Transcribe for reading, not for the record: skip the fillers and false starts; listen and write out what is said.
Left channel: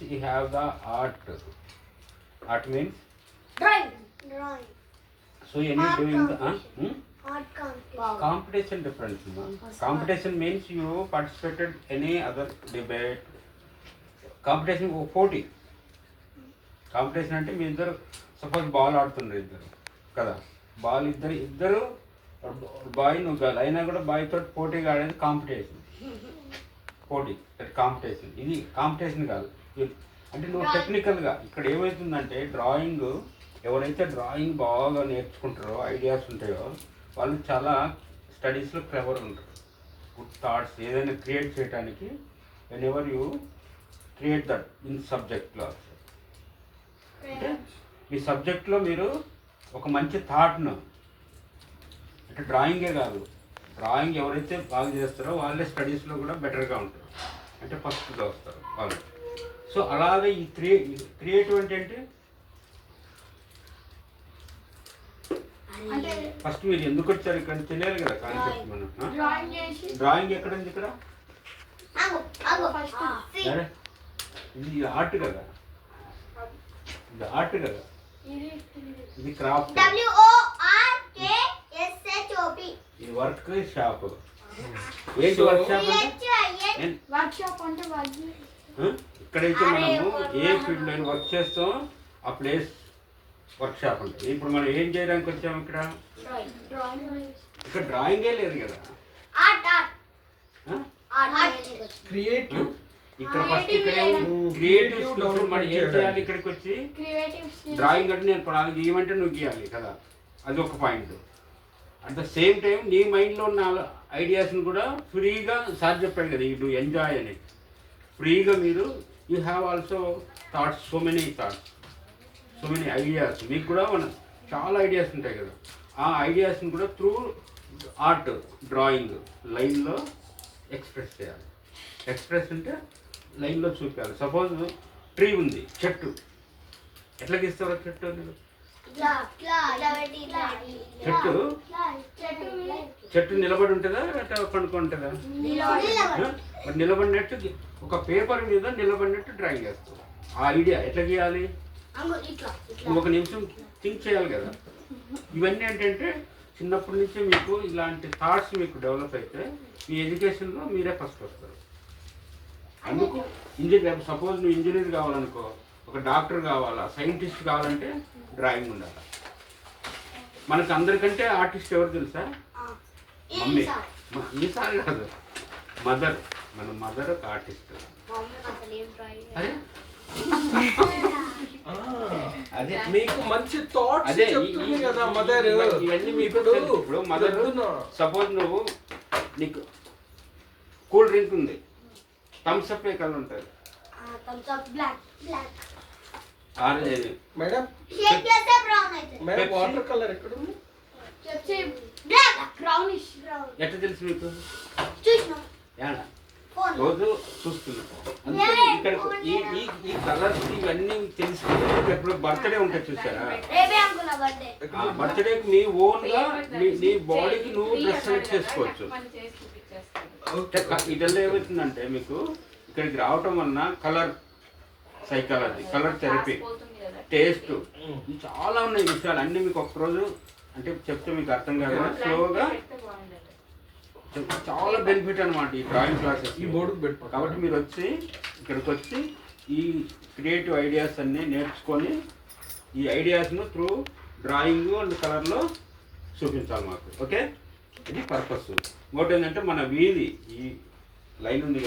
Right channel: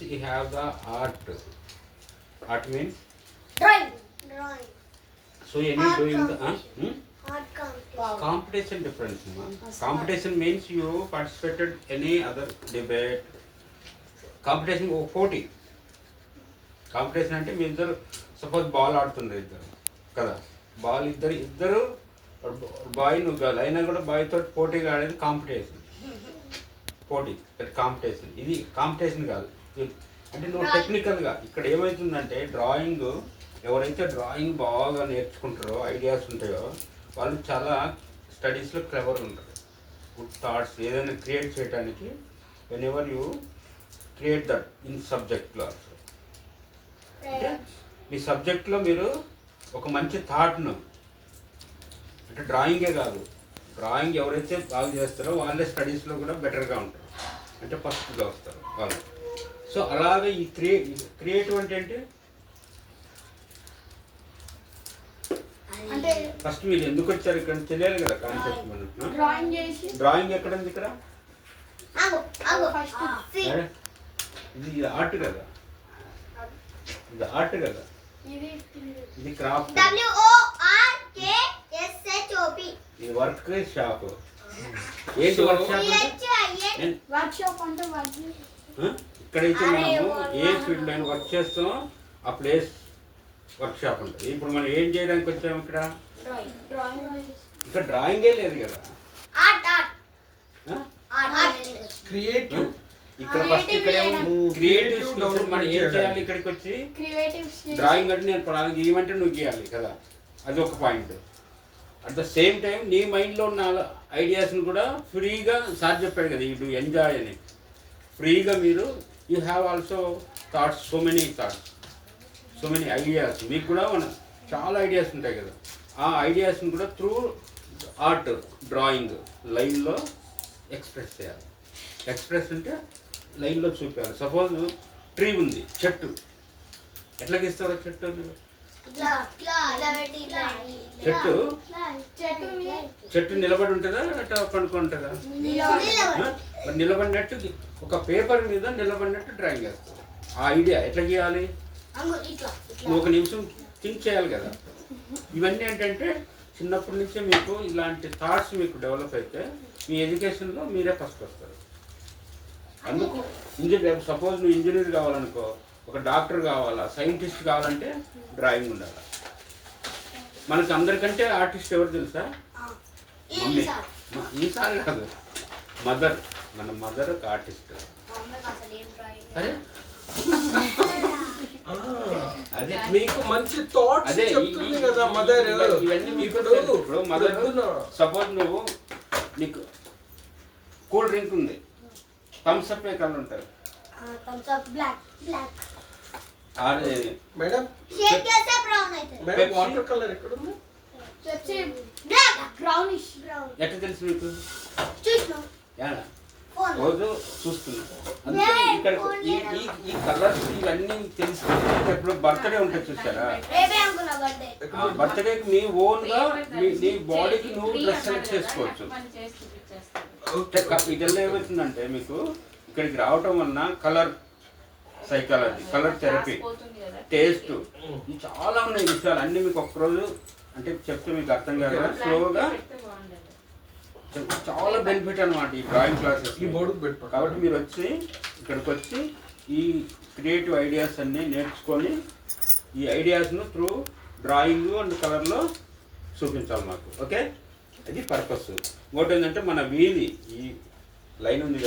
once you have the art means Drawing. so any Art doing the competition. Art competition. competition difference. Competition means you participated any other debate. Competition పోటీ. Competition అంటే మీ ఇద్దరు suppose ball ఆడుతున్నారు ఇద్దరు కదా, ball ఇద్దరు bye నువ్వు girl అయినా కూడా బాయ్ తోటి పోటీగా ఆడేది కాంపిటీషన్. పోటీ కాంపిటీషన్. ఇది కాంపిటీషన్ కాదు. అంటే నువ్వు టెక్నికల్గా ఇక్కడ ఏమవుతుందంటే డ్రాయింగ్ ఎవరైతే డ్రాయింగ్ బాగా నేర్చుకుంటారో ఐడియాస్ ఉంటాయో వాళ్ళు చాలా స్టడీస్లో క్లెవర్ ఉంటారు. గుడ్ థాట్స్ ఏదైనా క్రియేట్ చేయడానికి when ever you create that in సబ్జెక్ట్లో ఆల్సో. అంటే మీ సబ్జెక్ట్లో మీరు ఒక మంచి థాట్ను అంటే డ్రాయింగే కాదు, డ్రాయింగ్ ఎవరైతే బాగా చేస్తారో వాళ్ళే స్టడీస్లో కూడా బెటర్గా ఉంటారు, అంటే ఫస్ట్గా వస్తారు వాళ్ళు. సో అలాగే ఈ క్రియేటివ్ అంటే ఏంటి? ఫస్ట్ మీరు ఎందుకు వచ్చారు ఇక్కడ తెలియాలి కదా కాన్సెప్ట్. మనం డ్రాయింగ్ ఎక్కడ ఉంది ఇక్కడ? ఇది ఆర్ట్ కదా, ఇది ఆర్ట్ కదా, ఇది క్రాఫ్ట్, ఇది వర్క్ షాప్. ఏంటి వర్క్ షాప్ అంటే? ఇక్కడైతే మనము ఏ ఫీల్డ్ అయినా వర్క్ చేస్తాం ఆ ప్లేస్ వర్క్ షాప్ ఉంటుంది. ఇప్పుడు మనం ఏం చేయడానికి వచ్చాము ఇక్కడ? ఇక్కడ డ్రాయింగే లేదు కదా, క్రియేటివ్. ఇక్కడ ఫస్ట్ ఇక్కడేమో క్రియేటివ్. మనం ఏం చేయాలి ఇక్కడికి వచ్చి? డ్రాయింగ్ అంటే నేను ప్రాణం గీయమంటే నువ్వు గీయాలి కదా, అది ఒక point. At the same time నీ మైండ్లో ఉన్న ఐడియాస్ని కూడా ఫ్రీగా సార్ చెప్పాడు కదా, యూ ఎంజాయ్ అని. ఫ్రీగా మీరు you have also thoughts, so many ideas. మీకు కూడా చాలా ఐడియాస్ ఉంటాయి కదా, ఆ ఐడియాస్ని కూడా త్రూ ఆర్ట్ డ్రాయింగ్ లైన్లో ఎక్స్ప్రెస్ చేయాలి. ఎక్స్ప్రెస్ అంటే లైన్లో చూపించాలి. సపోజ్ ట్రీ ఉంది, చెట్టు ఎట్లా గీస్తారో చెట్టు? చెట్టు నిలబడి ఉంటుందా అట్లా పడుకుంటుందా? మరి నిలబడినట్టు ఒక పేపర్ మీద నిలబడినట్టు డ్రాయింగ్ చేస్తావు. ఆ ఐడియా ఎట్లా గీయాలి? నువ్వు ఒక నిమిషం థింక్ చేయాలి కదా. ఇవన్నీ ఏంటంటే చిన్నప్పటి నుంచే మీకు ఇలాంటి థాట్స్ మీకు డెవలప్ అయితే మీ ఎడ్యుకేషన్లో మీరే ఫస్ట్ వస్తారు. అందుకు ఇంజనీర్, సపోజ్ నువ్వు ఇంజనీర్ కావాలనుకో, ఒక డాక్టర్ కావాలా, సైంటిస్ట్ కావాలంటే డ్రాయింగ్ ఉండాలి. మనకు అందరికంటే ఆర్టిస్ట్ ఎవరు తెలుసా? మమ్మీ. ఈసారి కాదు, మదర్. మన మదర్ ఒక ఆర్టిస్ట్. అరే అదే మీకు మంచి థాట్స్ చెప్తుంది కదా మదర్. ఇవన్నీ మీకు ఇప్పుడు మదర్ సపోజ్ నువ్వు నీకు కూల్ డ్రింక్ ఉంది, థమ్స్ అప్ ఏ కలర్ ఉంటుంది. మేడం వాటర్ కలర్ ఎక్కడ ఉంది? ఎట్లా తెలుసు మీకు? రోజు చూస్తుంది. ఇక్కడ ఈ కలర్స్ ఇవన్నీ తెలుసుకుంటే ఇప్పుడు బర్త్డే ఉంటుంది చూసారా, బర్త్డేకి మీ ఓన్ గా నీ బాడీకి నువ్వు డ్రెస్ సెలెక్ట్ చేసుకోవచ్చు. ఇదల్లా ఏమవుతుందంటే మీకు ఇక్కడికి రావటం వలన colour psychology, colour therapy, taste, చాలా ఉన్నాయి విషయాలు. అన్నీ మీకు ఒక్కరోజు అంటే చెప్తే మీకు అర్థం కాదు, స్లోగా చాలా బెనిఫిట్ అనమాట ఈ డ్రాయింగ్ క్లాసెస్. ఈ బోర్డుకు పెట్టు. కాబట్టి మీరు వచ్చి ఇక్కడికి వచ్చి ఈ క్రియేటివ్ ఐడియాస్ అన్నీ నేర్చుకొని ఈ ఐడియాస్ను త్రూ డ్రాయింగ్ అండ్ కలర్లో చూపించాలి మాకు. ఓకే, ఇది పర్పస్. ఇంకోటి ఏంటంటే మన వీధి ఈ లైన్ ఉంది కదా,